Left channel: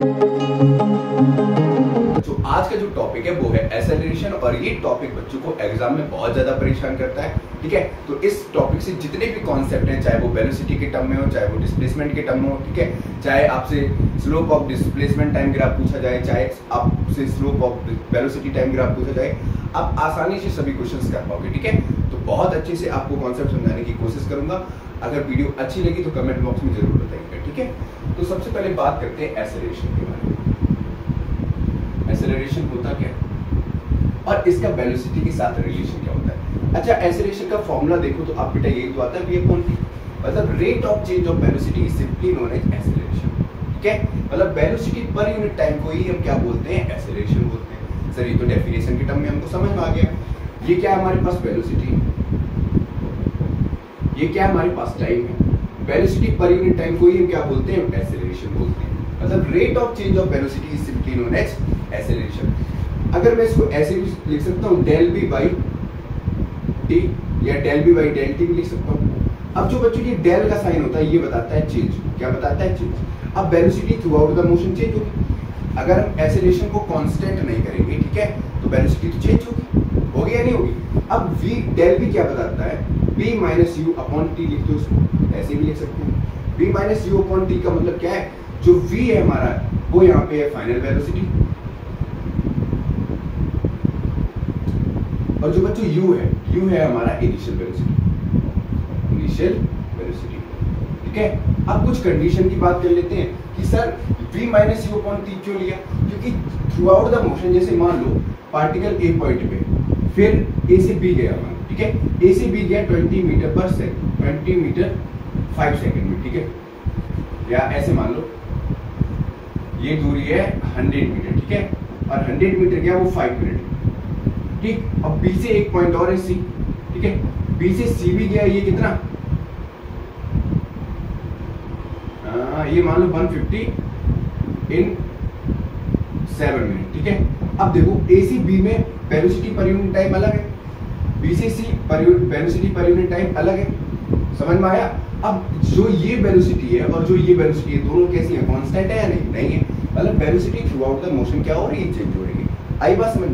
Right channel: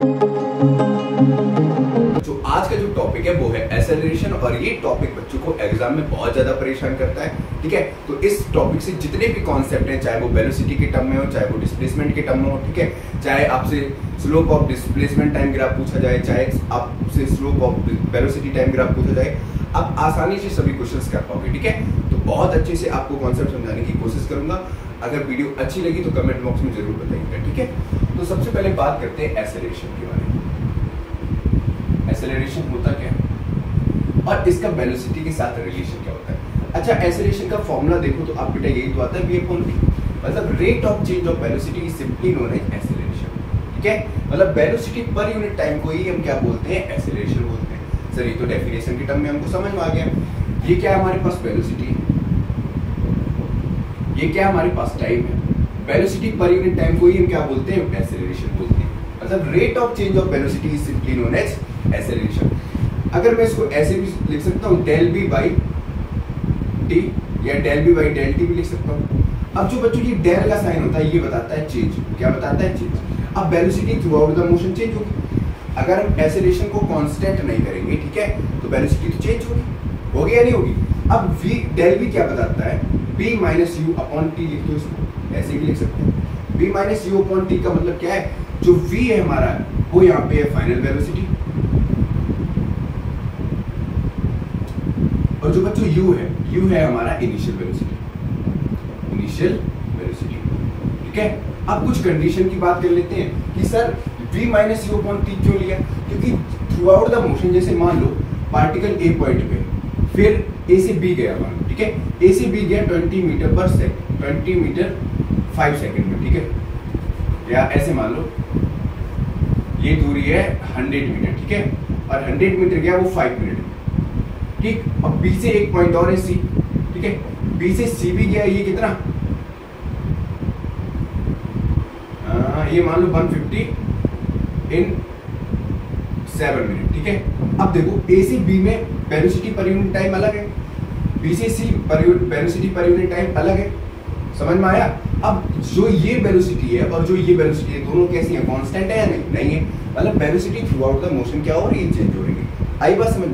जो आज का जो टॉपिक है वो है एक्सेलरेशन, और ये टॉपिक बच्चों को एग्जाम में बहुत ज्यादा परेशान करता है। ठीक है, तो इस टॉपिक से जितने भी कॉन्सेप्ट हैं, चाहे वो वेलोसिटी के टर्म में हो, चाहे वो डिस्प्लेसमेंट के टर्म में हो, ठीक है, चाहे आपसे slope of displacement time graph पूछा जाए, चाहे आपसे slope of velocity time graph पूछा जाए, आप आसानी से सभी क्वेश्चंस कर पाओगे। ठीक है, तो बहुत अच्छे से आपको कॉन्सेप्ट समझाने की कोशिश करूंगा। अगर वीडियो अच्छी लगी तो कमेंट बॉक्स में जरूर बताइएगा। ठीक है, तो सबसे पहले बात करते हैं एक्सेलरेशन के बारे में। एक्सेलरेशन होता क्या है और इसका वेलोसिटी के साथ रिलेशन क्या होता है। अच्छा, एक्सेलरेशन का फॉर्मूला देखो तो आप बेटा यही तो आता है, मतलब rate of change of velocity is simply known as acceleration. ठीक है, मतलब वेलोसिटी पर यूनिट टाइम को ही हम क्या बोलते हैं, एक्सेलरेशन बोलते हैं। सर ये तो डेफिनेशन के टर्म में हमको समझ में आ गया। ये क्या है हमारे पास, वेलोसिटी, ये क्या हमारे पास टाइम है। वेलोसिटी पर यूनिट टाइम को ही हम क्या बोलते हैं, एक्सेलरेशन बोलते हैं। मतलब rate of change of velocity is simply known as acceleration. अगर मैं इसको ऐसे भी लिख सकता हूं, डेल बी बाई टी या del v by del t भी लिख सकता हूं। अब जो बच्चों ये डेल का साइन होता है ये बताता है चेंज, क्या बताता है, चेंज। अब velocity through out the motion change होगी। अगर हम एक्सेलरेशन को कांस्टेंट नहीं करेंगे, ठीक है, तो वेलोसिटी तो चेंज होगी या नहीं होगी। अब v डेल v क्या बताता है, b minus you upon T लिख दो, इसको ऐसे भी लिख सकते हैं। b minus you upon T का मतलब क्या है, जो v है हमारा वो यहाँ पे है फाइनल वेलोसिटी, और जो बच्चों u है हमारा इनिशियल वेलोसिटी, ठीक है। अब कुछ कंडीशन की बात कर लेते हैं कि sir v minus you upon T क्यों लिया, क्योंकि थ्रू आउट द मोशन, जैसे मान लो पार्टिकल ए पॉइंट पे, फिर ए से बी गया, मान लो, ठीक है, ए से बी गया 20 मीटर पर सेकंड, 20 मीटर 5 सेकंड में, ठीक है, या ऐसे मान लो ये दूरी है 100 मीटर, ठीक है, और 100 मीटर गया वो 5 मिनट, ठीक। अब बी से एक पॉइंट और है सी, ठीक है, बी से सी भी गया, ये कितना, ये मान लो 150 इन 7 मिनट, ठीक है। अब देखो ए से बी में वेलोसिटी पर यूनिट टाइम अलग है, बी से सी वेलोसिटी पर यूनिट टाइम अलग है, समझ में आया। अब जो ये वेलोसिटी है और जो ये वेलोसिटी है, दोनों कैसी है, कांस्टेंट है या नहीं है, मतलब velocity through out the motion क्या हो रही है, चेंज हो रही है। आई बात समझ।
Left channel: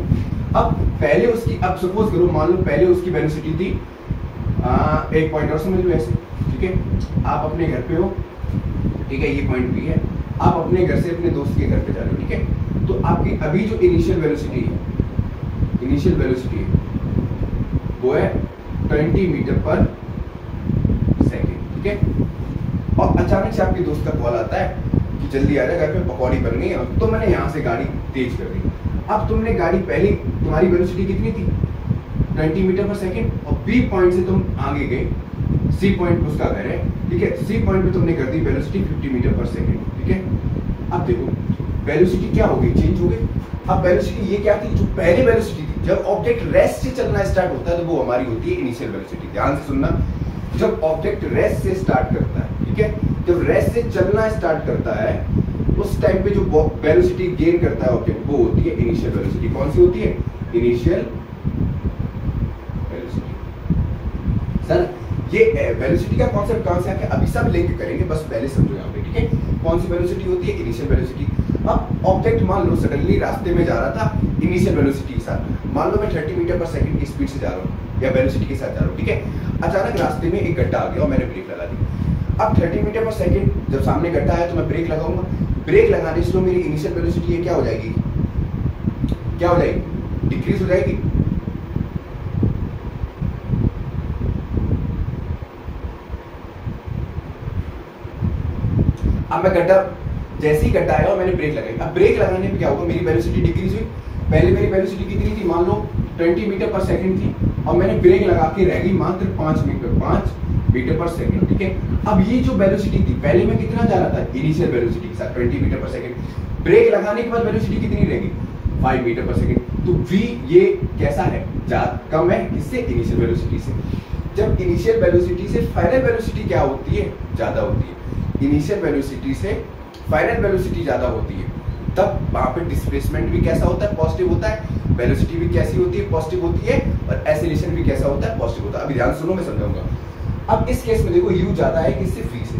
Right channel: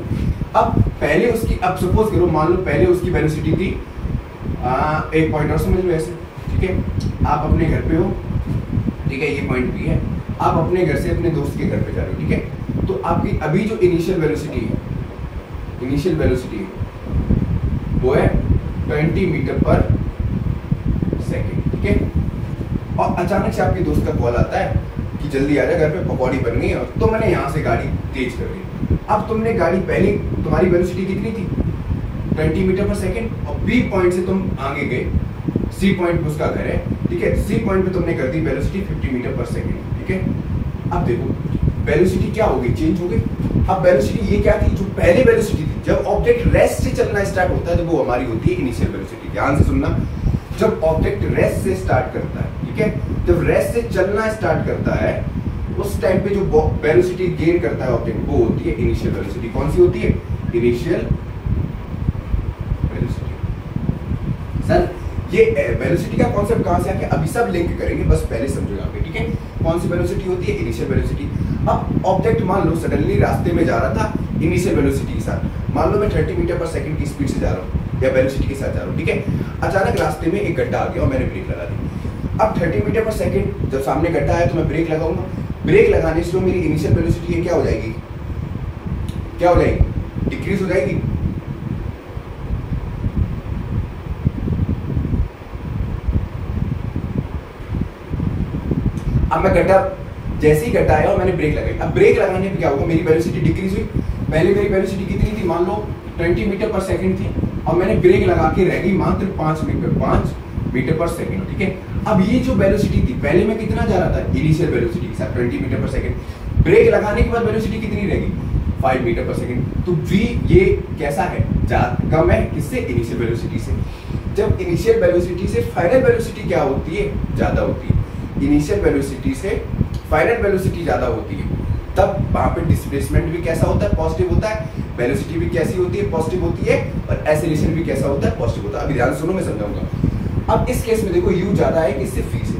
अब पहले उसकी, अब सपोज करो मान लो पहले उसकी वेलोसिटी थी एक पॉइंट और समझ लो ऐसे, ठीक है, आप अपने घर पे हो, ठीक है, ये पॉइंट बी है, आप अपने घर से अपने दोस्त के घर पे जा रहे हो, ठीक है, तो आपकी अभी जो इनिशियल वेलोसिटी है वो है 20 मीटर पर सेकेंड, ठीक है। और अचानक से आपके दोस्त का कॉल आता है कि जल्दी आ जा, घर पे पकौड़ी बन गई है, तो मैंने यहाँ से गाड़ी तेज कर दी। अब तुमने गाड़ी, पहले तुम्हारी वेलोसिटी कितनी थी, 20 मीटर पर सेकेंड, और बी पॉइंट से तुम आगे गए, सी पॉइंट पे उसका घर है, ठीक है, सी पॉइंट पे तुमने कर दी वेलोसिटी 50 मीटर पर सेकेंड, ठीक है। अब देखो वेलोसिटी क्या हो गई, चेंज हो गई। अब वेलोसिटी ये क्या थी, जो पहले वेलोसिटी थी, जब ऑब्जेक्ट रेस्ट से चलना स्टार्ट होता है तो वो हमारी होती है इनिशियल वेलोसिटी। ध्यान से सुनना, जब ऑब्जेक्ट रेस्ट से स्टार्ट करता है, ठीक है, जब रेस्ट से चलना स्टार्ट करता है उस टाइम पे जो वेलोसिटी गेन करता है ऑब्जेक्ट, वो होती है इनिशियल वेलोसिटी। कौन सी होती है, इनिशियल वेलोसिटी। सर ये वेलोसिटी का कॉन्सेप्ट कहां से आ गया, अभी सब लिंक करेंगे, बस पहले समझो यहाँ पे, ठीक है। कौन सी वेलोसिटी होती है, इनिशियल वेलोसिटी। अब ऑब्जेक्ट मान लो सडनली रास्ते में जा रहा था इनिशियल वेलोसिटी के साथ, मान लो मैं 30 मीटर पर सेकंड की स्पीड से जा रहा हूँ या वेलोसिटी के साथ जा रहा हूँ, ठीक है। अचानक रास्ते में एक गड्ढा आ गया और मैंने ब्रेक लगा दी। अब 30 मीटर पर सेकंड जब सामने गड्ढा है तो मैं ब्रेक लगाऊंगा, ब्रेक लगाने से मेरी इनिशियल वेलोसिटी क्या हो जाएगी, डिक्रीज हो जाएगी। अब मैं गड्ढा, जैसे ही गड्ढा आया और मैंने ब्रेक लगाई, अब ब्रेक लगाने पे क्या होगा, मेरी वेलोसिटी डिक्रीज हुई। पहले मेरी वेलोसिटी कितनी थी, मान लो 20 मीटर पर सेकंड थी, और मैंने ब्रेक लगा के रह गई मात्र 5 मीटर पर सेकंड, ठीक है। अब ये जो वेलोसिटी थी, पहले मैं कितना जा रहा था, इनिशियल वेलोसिटी के साथ 20 मीटर पर सेकंड, ब्रेक लगाने के बाद वेलोसिटी कितनी रहेगी, 5 मीटर पर सेकंड। तो v ये कैसा है, कम है, किससे, इनिशियल वेलोसिटी से। जब इनिशियल वेलोसिटी से फाइनल वेलोसिटी क्या होती है, ज्यादा होती है। इनिशियल वेलोसिटी से फाइनल वेलोसिटी ज्यादा होती है, तब वहां पे डिस्प्लेसमेंट भी कैसा होता है, पॉजिटिव होता है, वेलोसिटी भी कैसी होती है, पॉजिटिव होती है, और एक्सेलरेशन भी कैसा होता है, पॉजिटिव होता है। अभी ध्यान सुनो, मैं समझाऊंगा। अब इस केस में देखो u ज्यादा है किससे, v से,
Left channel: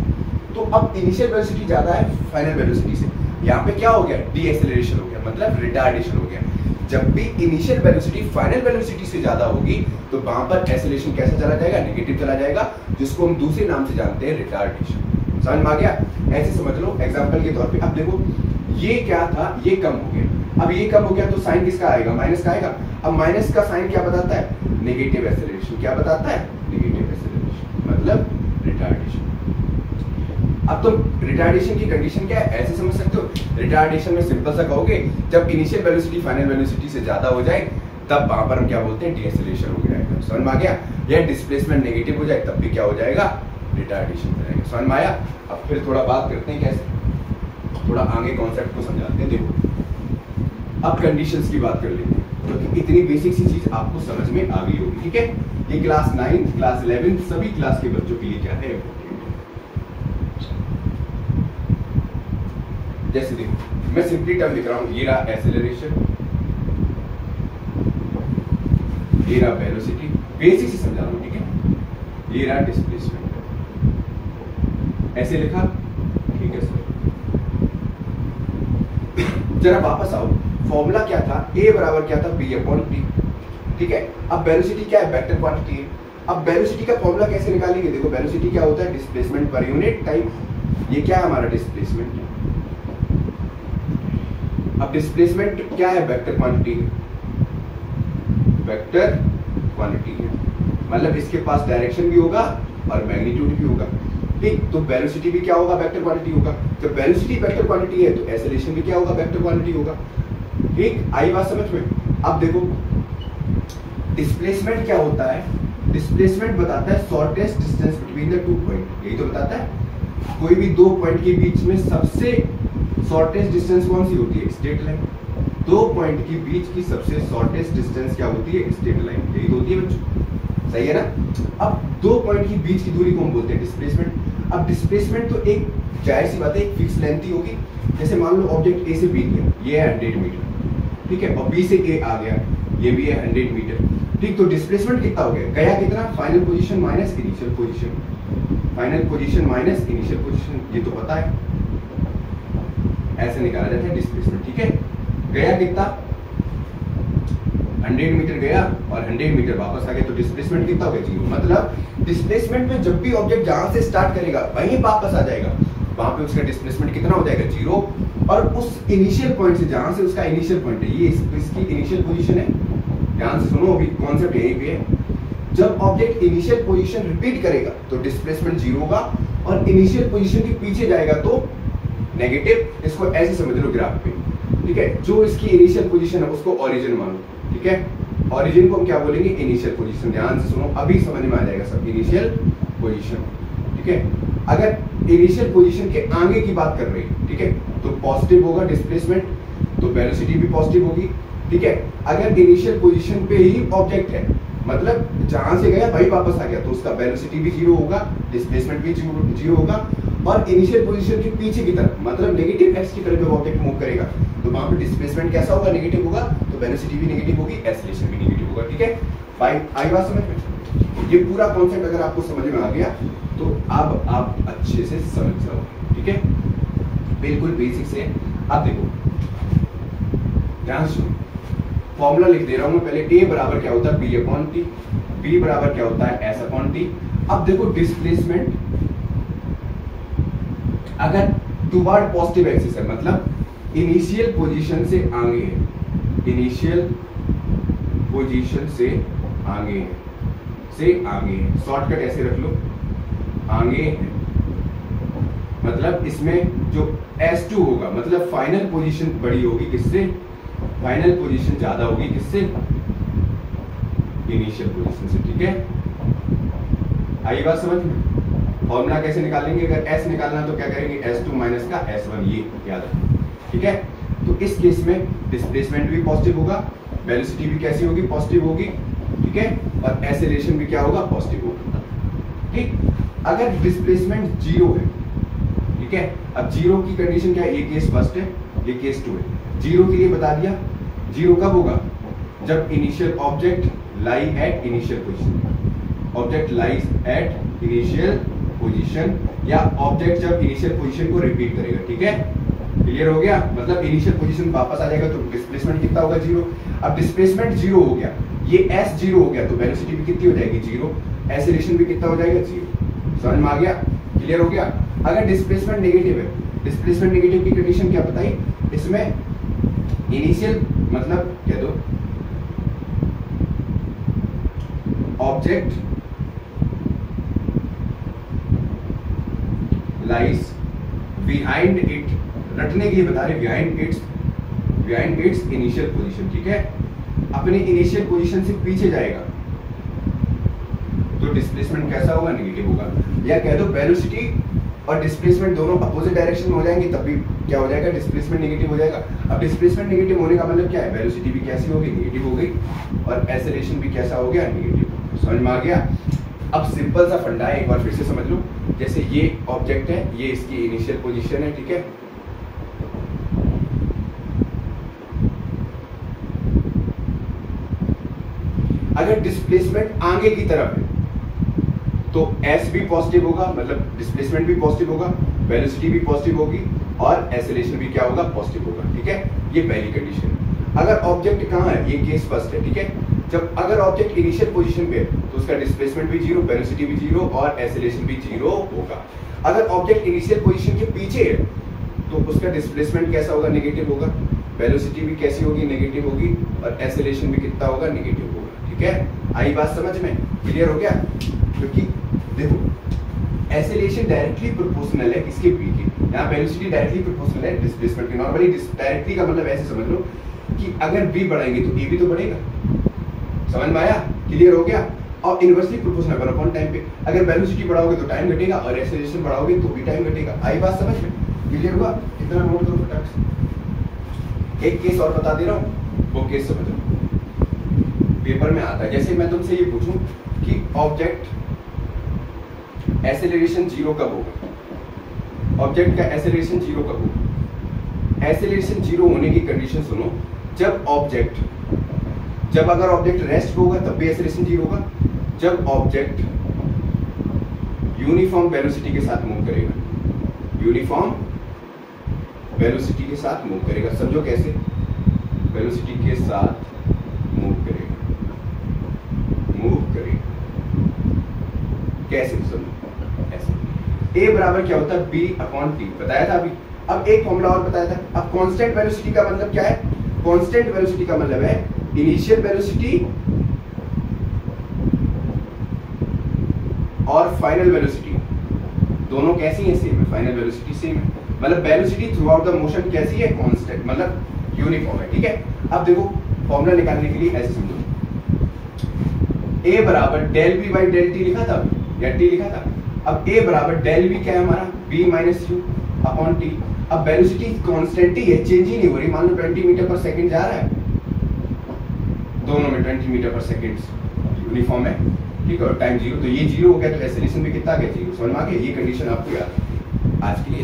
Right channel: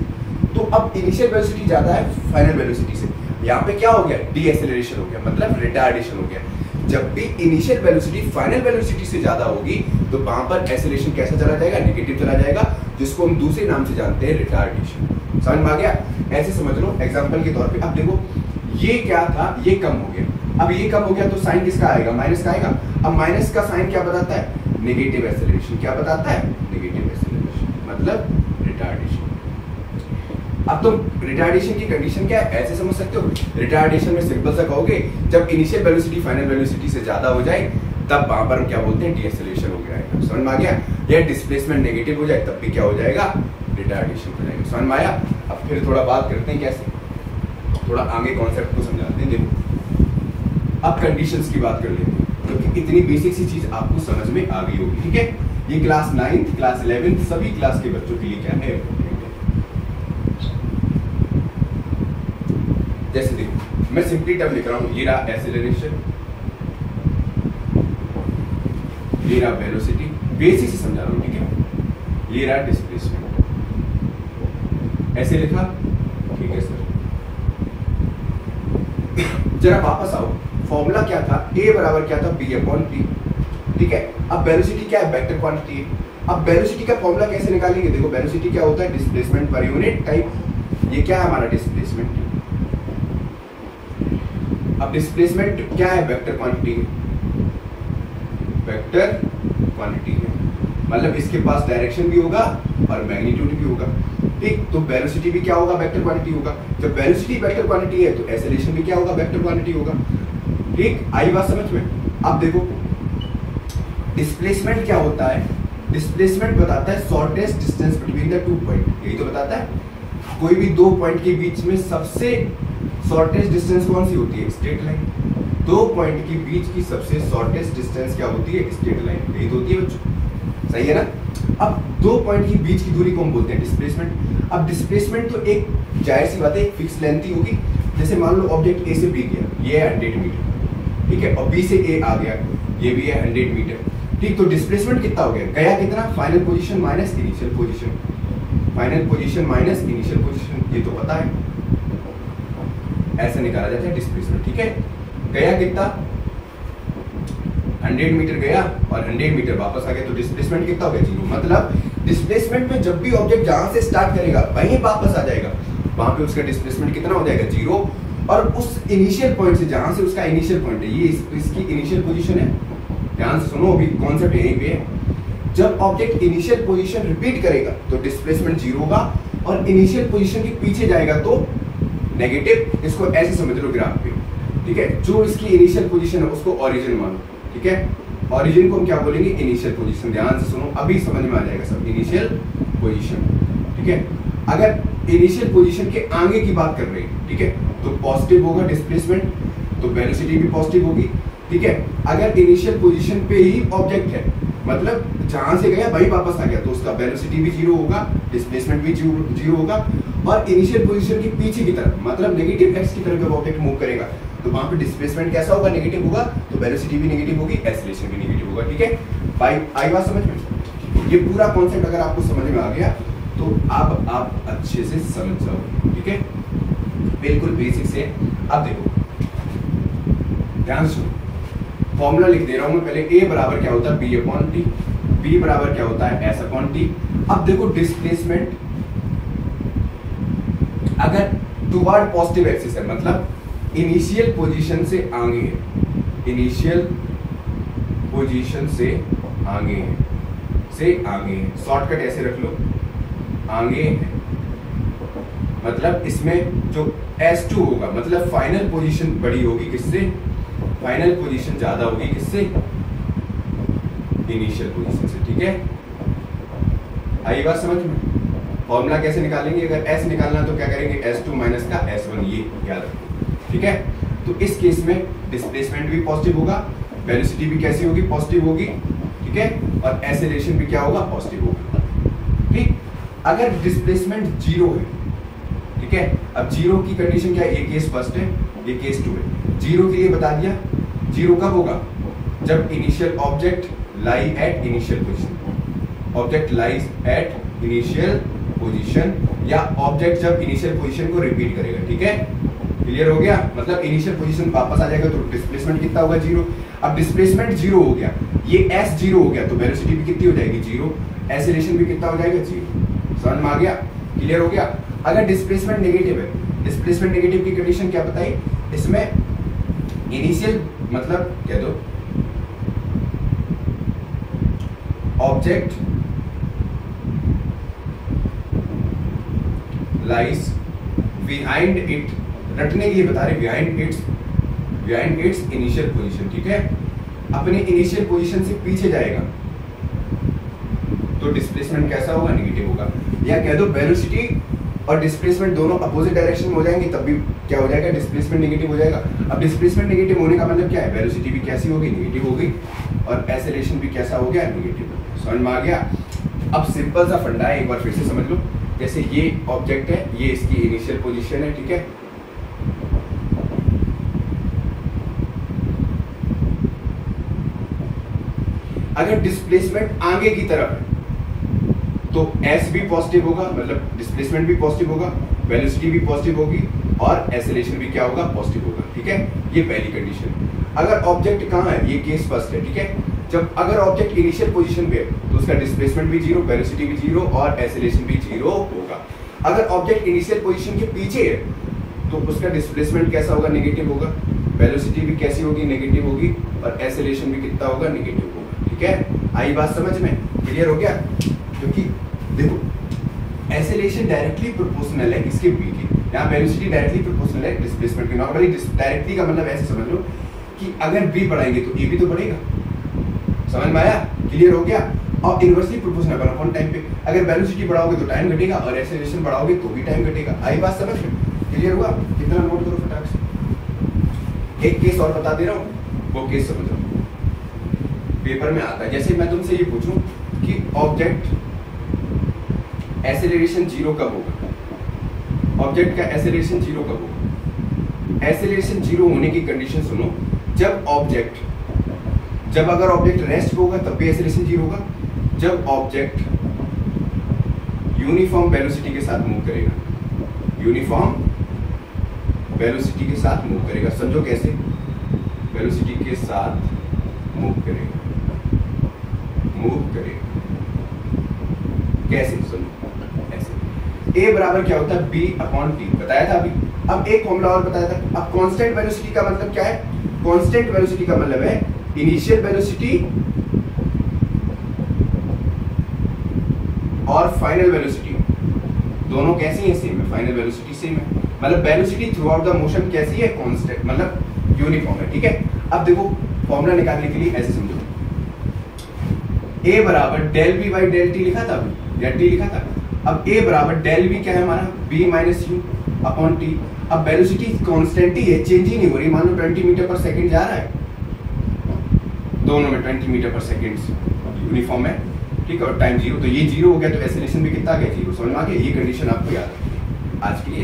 तो अब इनिशियल वेलोसिटी ज्यादा है फाइनल वेलोसिटी से। यहाँ पे क्या हो गया, डीएसेलरेशन हो गया, मतलब रिटार्डेशन हो गया। जब भी इनिशियल वेलोसिटी फाइनल वेलोसिटी से ज्यादा होगी तो वहां पर एक्सेलरेशन कैसा चला जाएगा, नेगेटिव चला जाएगा, जिसको हम दूसरे नाम से जानते हैं रिटार्डेशन। समझ में आ गया? ऐसे समझ लो एग्जांपल के तौर पे। अब देखो ये क्या था, ये कम हो गया, अब ये कम हो गया तो साइन किसका आएगा, माइनस का आएगा। अब माइनस का साइन क्या बताता है, नेगेटिव एक्सेलरेशन। क्या बताता है, नेगेटिव एक्सेलरेशन, मतलब रिटार्डेशन। अब तुम रिटार्डेशन की कंडीशन क्या है ऐसे समझ सकते हो। रिटार्डेशन में सिंपल सा कहोगे, जब इनिशियल वेलोसिटी फाइनल वेलोसिटी से ज्यादा हो जाए तब वहां पर हम क्या बोलते हैं, डीएक्सेलरेशन हो गया। समझ में आ गया? या डिस्प्लेसमेंट नेगेटिव हो जाए तब भी क्या हो जाएगा, रिटार्डेशन हो जाएगा। समझ में आया? अब फिर थोड़ा बात करते हैं कैसे, थोड़ा आगे कॉन्सेप्ट को समझाते हैं। देखो अब कंडीशंस की बात कर लेते हैं, क्योंकि इतनी बेसिक सी चीज आपको समझ में आ गई होगी। ठीक है, ये क्लास 9 क्लास 11 सभी क्लास के बच्चों के लिए क्या है। जैसे देखो मैं सिंपली टर्म लिख रहा हूं, ये रहा एक्सेलरेशन, ये रहा वेलोसिटी, बेसिक से समझा रहा हूं। ठीक है, ये रहा डिस्प्लेसमेंट, ऐसे लिखा, ठीक है सर। जरा वापस आओ, फॉर्मूला क्या था, ए बराबर क्या था, बी अपॉन टी। ठीक है, अब वेलोसिटी क्या है, वेक्टर क्वांटिटी है। अब वेलोसिटी का फॉर्मूला कैसे निकालेंगे, देखो वेलोसिटी क्या होता है, डिस्प्लेसमेंट पर यूनिट टाइम। ये क्या है हमारा डिस्प्लेसमेंट। अब डिस्प्लेसमेंट क्या है, वेक्टर क्वांटिटी है, वेक्टर क्वांटिटी है, मतलब इसके पास डायरेक्शन भी होगा और मैग्नीट्यूड भी होगा। ठीक, तो वेलोसिटी भी क्या होगा, वेक्टर क्वांटिटी होगा। जब वेलोसिटी वेक्टर क्वांटिटी है तो एक्सेलरेशन भी क्या होगा, वेक्टर क्वांटिटी होगा। ठीक, आई बात समझ में? अब देखो डिस्प्लेसमेंट क्या होता है, डिस्प्लेसमेंट बताता है shortest distance between the two point. यही तो बताता है, कोई भी दो पॉइंट के बीच में सबसे शॉर्टेस्ट डिस्टेंस कौन सी होती है, स्ट्रेट लाइन। दो पॉइंट के बीच की सबसे शॉर्टेस्ट डिस्टेंस क्या होती है, स्ट्रेट लाइन। यही तो होती है बच्चों, सही है ना। अब दो पॉइंट की बीच की दूरी को हम बोलते हैं डिस्प्लेसमेंट। अब डिस्प्लेसमेंट तो एक जाहिर सी बात है, एक फिक्स लेंथ ही होगी। जैसे मान लो ऑब्जेक्ट ए से बी गया, ये है 100 मीटर, ठीक है, और बी से ए आ गया, ये भी है 100 मीटर। ठीक, तो डिस्प्लेसमेंट कितना हो गया, गया कितना, final position minus initial position, final position minus initial position, ये तो पता है, ऐसे निकाला जाता है डिस्प्लेसमेंट। ठीक है, गया कितना, 100 मीटर गया और 100 मीटर वापस आ गया, तो डिस्प्लेसमेंट कितना हो गया, 0। मतलब डिस्प्लेसमेंट में जब भी ऑब्जेक्ट जहां से स्टार्ट करेगा वहीं वापस आ जाएगा, वहां पे उसका डिस्प्लेसमेंट कितना हो जाएगा, 0। और उस इनिशियल पॉइंट से, जहां से उसका इनिशियल पॉइंट है, ये इसकी इनिशियल पोजीशन है, ध्यान से सुनो, अभी कॉन्सेप्ट यहीं पे है। जब ऑब्जेक्ट इनिशियल पोजीशन रिपीट करेगा तो डिस्प्लेसमेंट 0 होगा, और इनिशियल पोजीशन के पीछे जाएगा तो नेगेटिव। इसको ऐसे समझ लो ग्राफ पे, ठीक है, जो इसकी इनिशियल पोजीशन है उसको ओरिजिन मानो। ठीक है, ओरिजिन को हम क्या बोलेंगे, इनिशियल पोजीशन। ध्यान से सुनो, अभी समझ में आ जाएगा सब, इनिशियल पोजीशन। ठीक है, अगर इनिशियल पोजीशन के आगे की बात कर रहे हैं, ठीक है, तो पॉजिटिव होगा डिस्प्लेसमेंट, तो वेलोसिटी भी पॉजिटिव होगी। ठीक है, अगर इनिशियल पोजीशन पे ही ऑब्जेक्ट है, मतलब जहां से गया वही वापस आ गया, तो उसका वेलोसिटी भी 0 होगा, डिस्प्लेसमेंट भी 0 होगा। और इनिशियल पोजीशन के पीछे की तरफ, मतलब नेगेटिव एक्स की तरफ जब ऑब्जेक्ट मूव करेगा तो वहां पे डिस्प्लेसमेंट कैसा होगा, नेगेटिव होगा, तो वेलोसिटी भी नेगेटिव होगी, एक्सेलरेशन भी नेगेटिव होगा। ठीक है, आई बात समझ में? ये पूरा कॉन्सेप्ट अगर आपको समझ में आ गया तो अब आप अच्छे से समझ जाओ। ठीक है, बिल्कुल बेसिक से। अब देखो ध्यान सुनो, फॉर्मूला लिख दे रहा हूं मैं पहले। ए बराबर क्या होता है, बी अपॉन टी, बी बराबर क्या होता है, एस अपॉन टी। अब देखो डिस्प्लेसमेंट अगर टुवर्ड पॉजिटिव एक्सिस है, मतलब इनिशियल पोजीशन से आगे है, इनिशियल पोजीशन से आगे है, शॉर्टकट ऐसे रख लो, आगे है, मतलब इसमें जो S2 होगा, मतलब फाइनल पोजीशन बड़ी होगी किससे, फाइनल पोजीशन ज्यादा होगी किससे, इनिशियल पोजीशन से। ठीक है, आई बात समझ में? फॉर्मूला कैसे निकालेंगे, अगर S निकालना तो क्या करेंगे, S2 माइनस का S1, ये याद रखो। ठीक है, तो इस केस में डिस्प्लेसमेंट भी पॉजिटिव होगा, वेलोसिटी भी कैसी होगी, पॉजिटिव होगी। ठीक है, और एक्सेलरेशन भी क्या होगा, पॉजिटिव होगा। ठीक, अगर डिस्प्लेसमेंट 0 है, ठीक है, अब 0 की कंडीशन क्या है, ये केस फर्स्ट है, ये केस 2 है। 0 के लिए बता दिया, 0 कब होगा, जब initial object lie at initial position, object lies at initial position, या ऑब्जेक्ट जब इनिशियल पोजीशन को रिपीट करेगा। ठीक है, क्लियर हो गया, मतलब इनिशियल पोजीशन वापस आ जाएगा तो डिस्प्लेसमेंट कितना होगा, 0। अब डिस्प्लेसमेंट 0 हो गया, ये s 0 हो गया तो वेलोसिटी भी कितनी हो जाएगी, 0। एक्सेलरेशन भी कितना हो जाएगा, 0। समझ में आ गया, क्लियर हो गया। अगर डिस्प्लेसमेंट नेगेटिव है, डिस्प्लेसमेंट नेगेटिव की कंडीशन क्या बताई, इसमें इनिशियल मतलब कह दो ऑब्जेक्ट लाइज बिहाइंड इट, रटने के लिए बता रहे, बिहाइंड इट्स इनिशियल पोजीशन, ठीक है, अपने इनिशियल पोजीशन से पीछे जाएगा तो डिस्प्लेसमेंट कैसा होगा, नेगेटिव होगा। या कह दो वेलोसिटी और डिस्प्लेसमेंट दोनों अपोजिट डायरेक्शन में हो जाएंगे तब भी क्या हो जाएगा, डिस्प्लेसमेंट नेगेटिव हो जाएगा। अब डिस्प्लेसमेंट नेगेटिव होने का मतलब क्या है, वेलोसिटी भी कैसी होगी, नेगेटिव हो गई, और एक्सेलरेशन भी कैसा हो गया, नेगेटिव। समझ में आ गया। अब सिंपल सा फंडा है, एक बार फिर से समझ लो। जैसे ये ऑब्जेक्ट है, ये इसकी इनिशियल पोजीशन है, ठीक है, अगर डिस्प्लेसमेंट आगे की तरफ है तो s भी पॉजिटिव होगा, मतलब डिस्प्लेसमेंट भी पॉजिटिव होगा, वेलोसिटी भी पॉजिटिव होगी और एक्सेलरेशन भी क्या होगा, पॉजिटिव होगा, ठीक है। ये पहली कंडीशन। अगर ऑब्जेक्ट कहाँ है, ये केस फर्स्ट है, ठीक है। जब अगर ऑब्जेक्ट इनिशियल पोजीशन पे है तो उसका डिस्प्लेसमेंट भी 0, वेलोसिटी भी 0 और एक्सेलरेशन भी 0 होगा। अगर ऑब्जेक्ट इनिशियल पोजीशन के पीछे है तो उसका डिस्प्लेसमेंट कैसा होगा, नेगेटिव होगा, वेलोसिटी भी कैसी होगी, नेगेटिव होगी और एक्सेलरेशन भी कितना होगा, नेगेटिव होगा, ठीक है। आई बात समझ में, क्लियर हो गया। क्योंकि देखो एक्सेलरेशन डायरेक्टली प्रोपोर्शनल है इसके बी की, यहाँ वेलोसिटी डायरेक्टली प्रोपोर्शनल है डिस्प्लेसमेंट की। नॉर्मली डायरेक्टली का मतलब ऐसे समझ लो कि अगर बी बढ़ाएंगे तो ए भी तो बढ़ेगा, समझ में आया, क्लियर हो गया। और इनवर्सली प्रोपोर्शनल है अपॉन टाइम पे, अगर वेलोसिटी बढ़ाओगे तो टाइम घटेगा और एक्सेलरेशन बढ़ाओगे तो भी टाइम घटेगा। आई बात समझ में, क्लियर हुआ। कितना नोट करो फटाक से। एक केस और बता दे रहा हूँ, वो केस समझो, पेपर में आता है। जैसे मैं तुमसे ये पूछूं कि ऑब्जेक्ट एक्सेलरेशन 0 कब होगा, ऑब्जेक्ट का एक्सेलरेशन 0 कब होगा। एक्सेलरेशन 0 होने की कंडीशन सुनो, जब अगर ऑब्जेक्ट रेस्ट होगा तब भी एक्सेलरेशन 0 होगा, जब ऑब्जेक्ट यूनिफॉर्म वेलोसिटी के साथ मूव करेगा, यूनिफॉर्म वेलोसिटी के साथ मूव करेगा। समझो कैसे, वेलोसिटी के साथ मूव करेगा कैसे, समझो ऐसे। ए बराबर क्या होता है, बी अपॉन टी, बताया था अभी। अब एक फॉर्मूला और बताया था। अब कांस्टेंट वेलोसिटी का मतलब क्या है, कांस्टेंट वेलोसिटी का मतलब है इनिशियल वेलोसिटी और फाइनल वेलोसिटी दोनों कैसी है, सेम है। फाइनल वेलोसिटी सेम है, मतलब velocity through out the motion कैसी है, कांस्टेंट, मतलब यूनिफॉर्म है, ठीक है। अब देखो फॉर्मूला निकालने के लिए ऐसे समझो, a बराबर del v by del t लिखा था या टी लिखा था। अब a बराबर डेल बी क्या है हमारा, b minus you upon T. अब वेलोसिटी कांस्टेंट ही है, चेंज ही नहीं हो रही। मान लो 20 मीटर पर सेकंड जा रहा है, दोनों में 20 मीटर पर सेकंड यूनिफॉर्म है, ठीक है, और टाइम 0, तो ये 0 हो गया तो एक्सेलरेशन भी कितना आ गया, 0। समझ में आ गया। ये कंडीशन आपको याद है आज के लिए।